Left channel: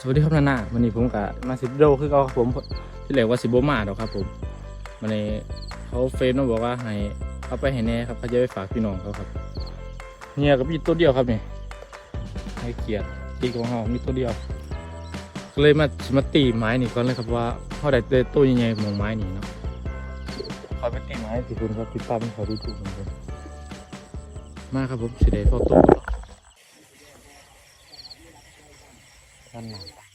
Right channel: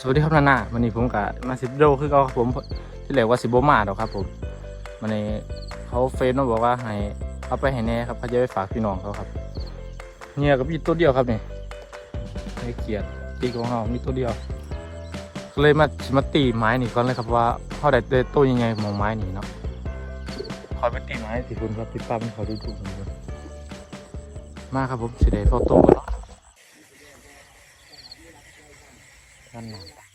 สวัสดีครับนานาวันนี้ผมกับมาสิบโดคือเขาครับผมที่เหลือว่าสิบโบมาดอกครับผมวันนี้เขาเฟซมาบอกว่าให้เอาไปให้แน่ครับเขาจะไปฝากพี่น้องเขาครับเนี่ยก็มีตัวเดียวครับนี่ให้เกียรติตีของเรามีตัวเดียวก็เลยมาสิมาตีไม้นี่ก่อนเลยครับว่าเขาได้ได้ตัวยังไงของไม้นี่เนาะขอไปตีไม้ที่คุณครับติดตามเขาดูดูมาครับผมสิได้เข้าโต๊ะแล้วนั่นเอง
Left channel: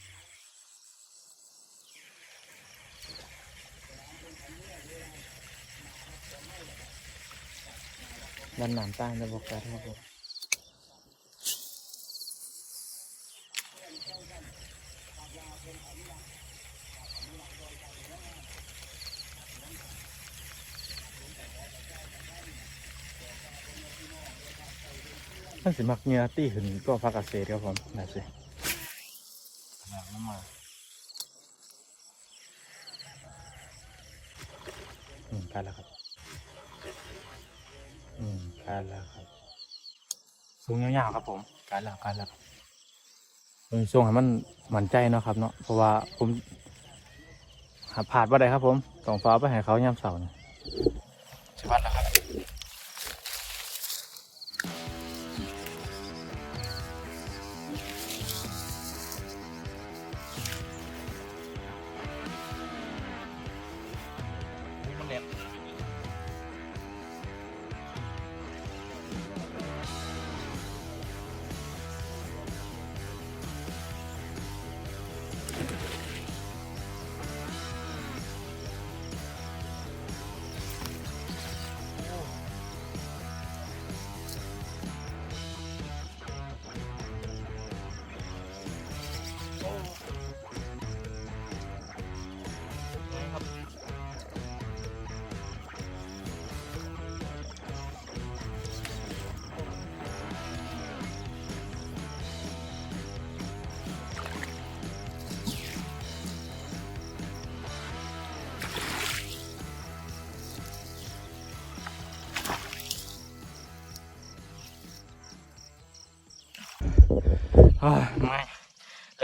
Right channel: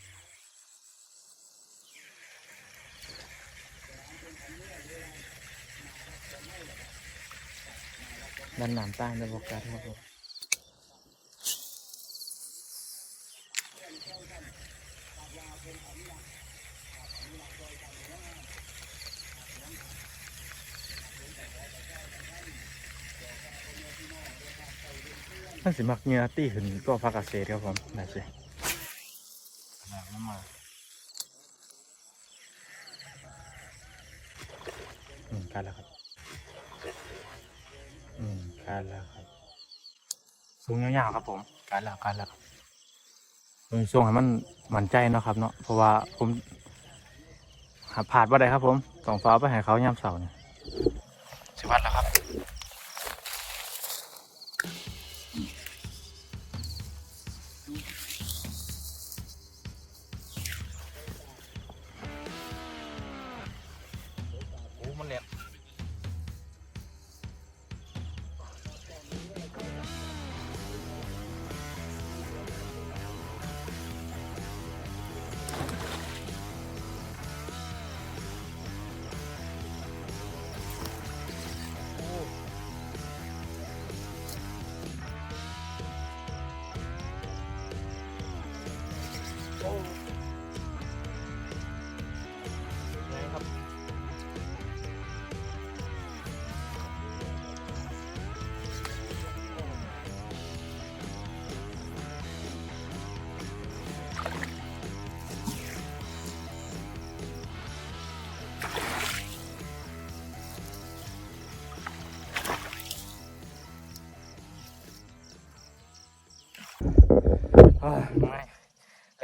มันหนามตั้งในบุกการครับผมนั่นสิมักเงียตี้หึนตัวพักเกษตรครับผมนั่นสิอืมการแล้วครับ อืมการแล้วครับ สูงยาวๆครับผมการแล้วการแล้วผมส่งให้มันมั่นใจเนาะครับ เนาะเพราะว่าผมหาผ่านว่าได้ครับผมต้องฟ้าไปให้เขาย่ำเสาร์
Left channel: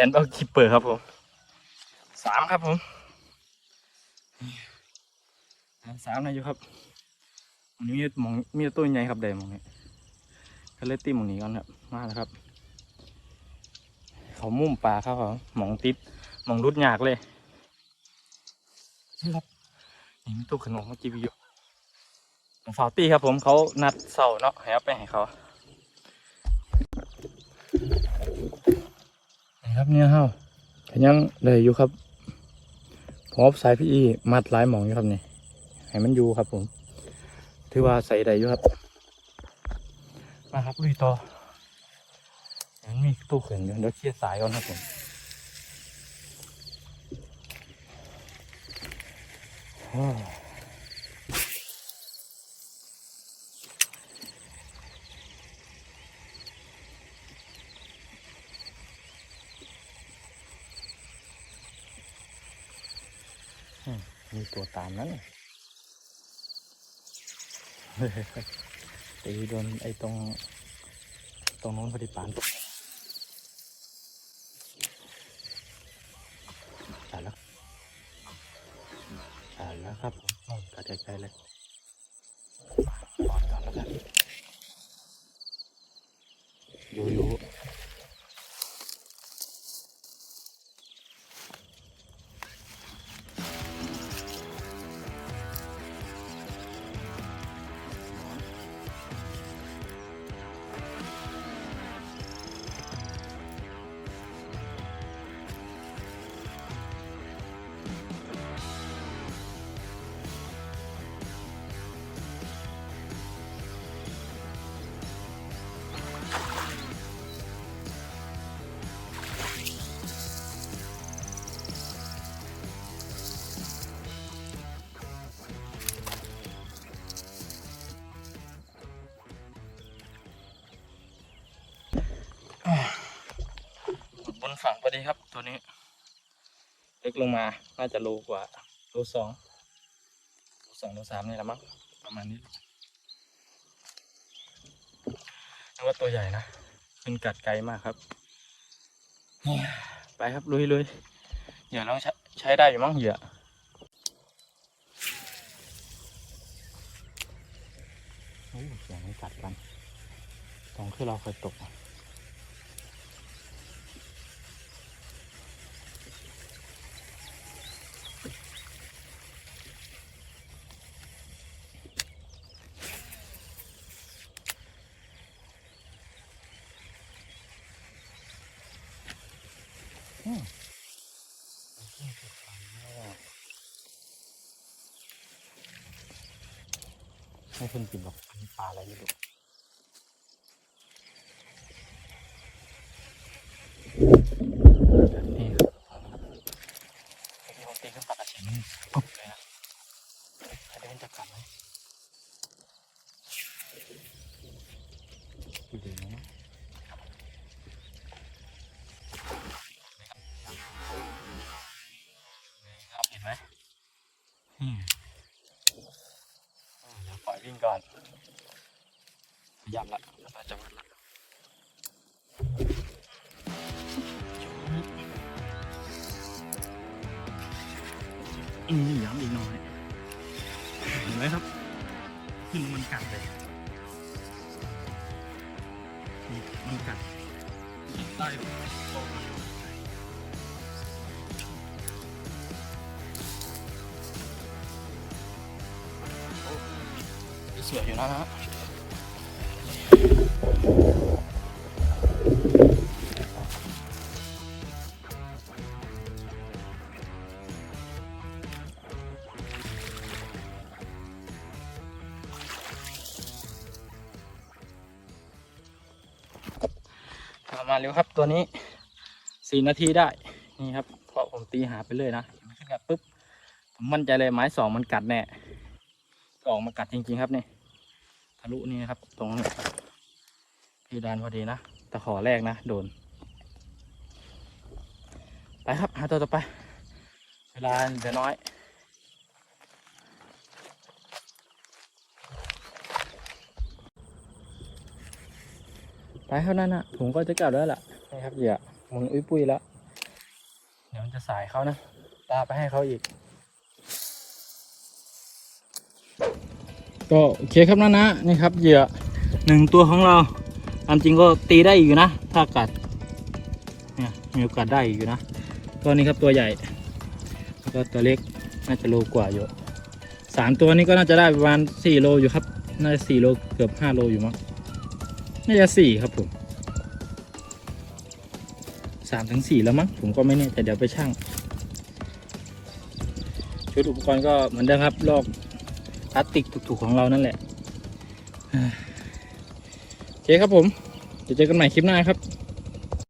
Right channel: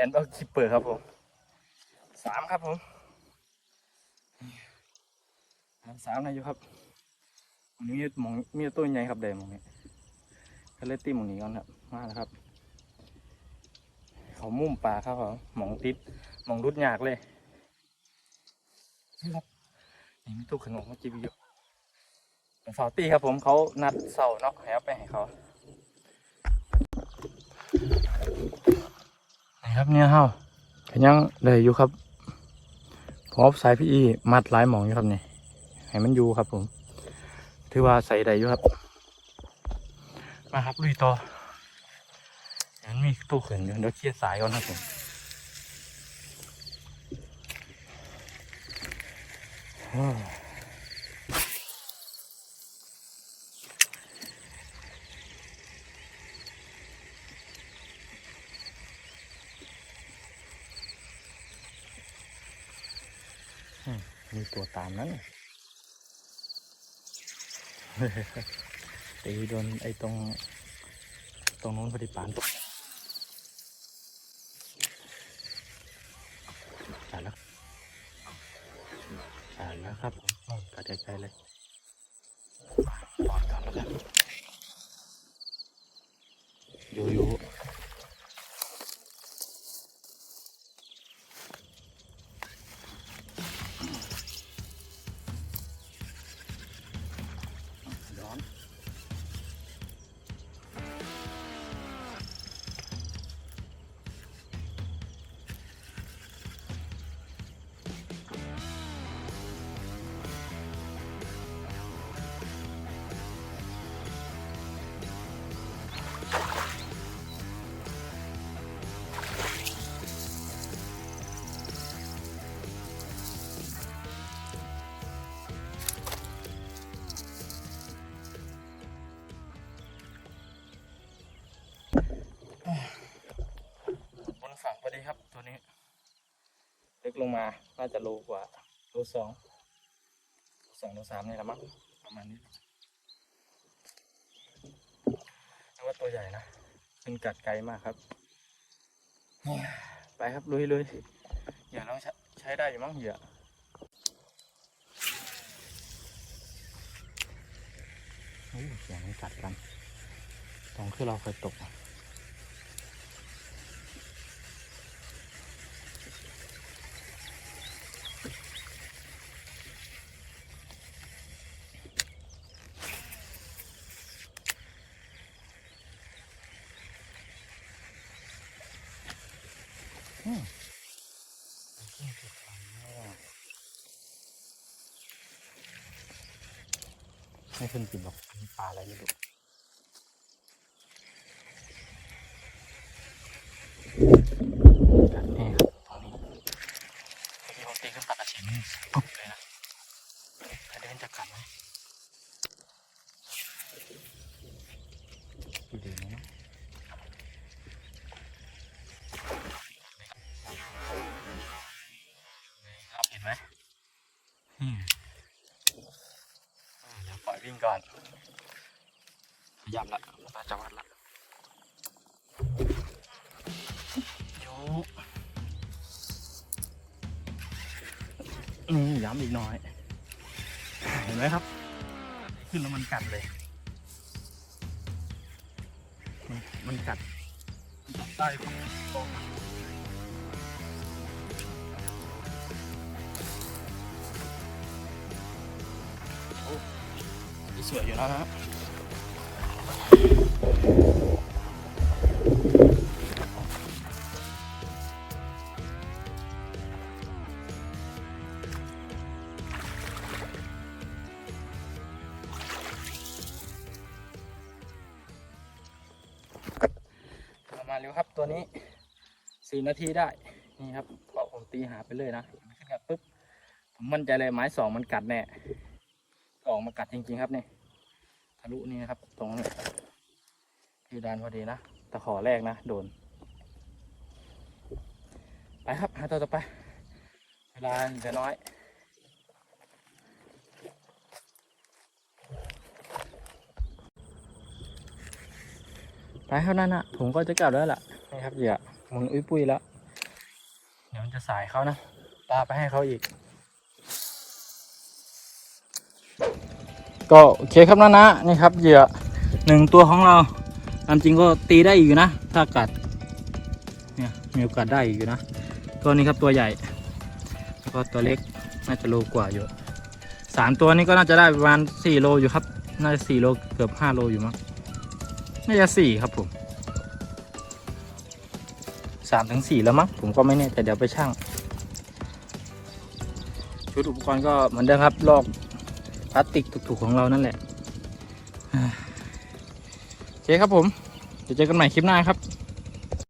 นด์เอาคิปเปอร์ครับผมสามครับผมสามนายอยู่ครับอันมีมองมีตัวใหญ่ครับแดงมองนี้ก็เลยตีมองนี้ก่อนครับมาแล้วครับ เขามุ่มปลาครับผมมองติดมองรุดหยากเลยนี่ครับนี่มีตู้ขนมเมื่อกี้วิวของฟาวตี้ครับผมเขานัดเสาเนาะให้เอาไปให้เขา ครับเนี่ยเฮาเห็นยังเลยอยู่ครับพอสายพี่อีมัดหลายหมองอยู่ครับนี่ให้มันอยู่ครับผมถือว่าใส่ได้อยู่ครับ มาครับลุยต่อมันมีตู้เขินอยู่เดี๋ยวเคลียร์สายก่อนครับผมโอ้ มีตัวตามนะไอ้โดนไอ้ตรงตรงนู้นพอดีปานใช่แล้วใช่แล้วครับไปใกล้ๆเลยอยู่ ถังพอดีครับตัวนี้ เล็กลงมา น่าจะโลกว่าโลสองโลสองโลสามนี่แหละมั้งประมาณนี้นึกว่าตัวใหญ่นะเป็นกัดไกลมากครับนี่ไปครับลุยลุยเหยื่อเราใช้ใช้ได้อยู่มั้งเหยื่อเฮ้ยสียงสัตนเสียงที่เราไปตก นี่ขึ้นกินแบบปลาอะไรอยู่ด้วยนี่เอาตีขึ้นปากกระเฉงนี่ปุ๊บเลยนะเดินจะกัดไหมดูดิเห็นไหมนี่ เดี๋ยวปล่อยวิ่งก่อนขยับละเราจะวัดละโชกนี่ย้ำอีกหน่อย เห็นไหมครับ ขึ้นแล้วมันกัดเลย มันมันกัดกัด ใต้ตรง เสืออยู่นะฮะมาเร็วครับตัวนี้สี่นาทีได้ นี่ครับเพราะผมตีหาไปเลยนะมันขึ้นกัดปุ๊บ ผมมั่นใจเลยไม้สองมันกัดแน่ ออกมากัดจริงๆครับนี่ทะลุนี่นะครับ ตรงเพดานพอดีนะตะขอแรกนะโดน ไปครับหาตัวต่อไป เวลาเหลือน้อยไปเท่านั้นอนะผมก็จะกลับแล้วล่ะนี่ครับเหยื่อมุนอุ้ยปุ้ยแล้ว เดี๋ยวมันจะสายเขานะปลาไปให้เขาอีก ก็โอเคครับนะนะนี่ครับเหยื่อหนึ่งตัวของเราตามจริงก็ตีได้อยู่นะ ถ้ากัดเนี่ยมีโอกาสได้อีกอยู่นะ ตัวนี้ครับตัวใหญ่แล้วก็ตัวเล็กน่าจะโลกว่าอยู่สามตัวนี้ก็น่าจะได้ประมาณสี่โลอยู่ครับ น่าจะสี่โลเกือบห้าโลอยู่มั้งน่าจะสี่ครับผมสามถึงสี่แล้วมั้งผมก็ไม่แน่แต่เดี๋ยวไปช่างชุดอุปกรณ์ก็เหมือนเดิมครับลอก พลาสติกถูกๆของเรานั่นแหละโอเคครับผมเดี๋ยวเจอกันใหม่คลิปหน้าครับ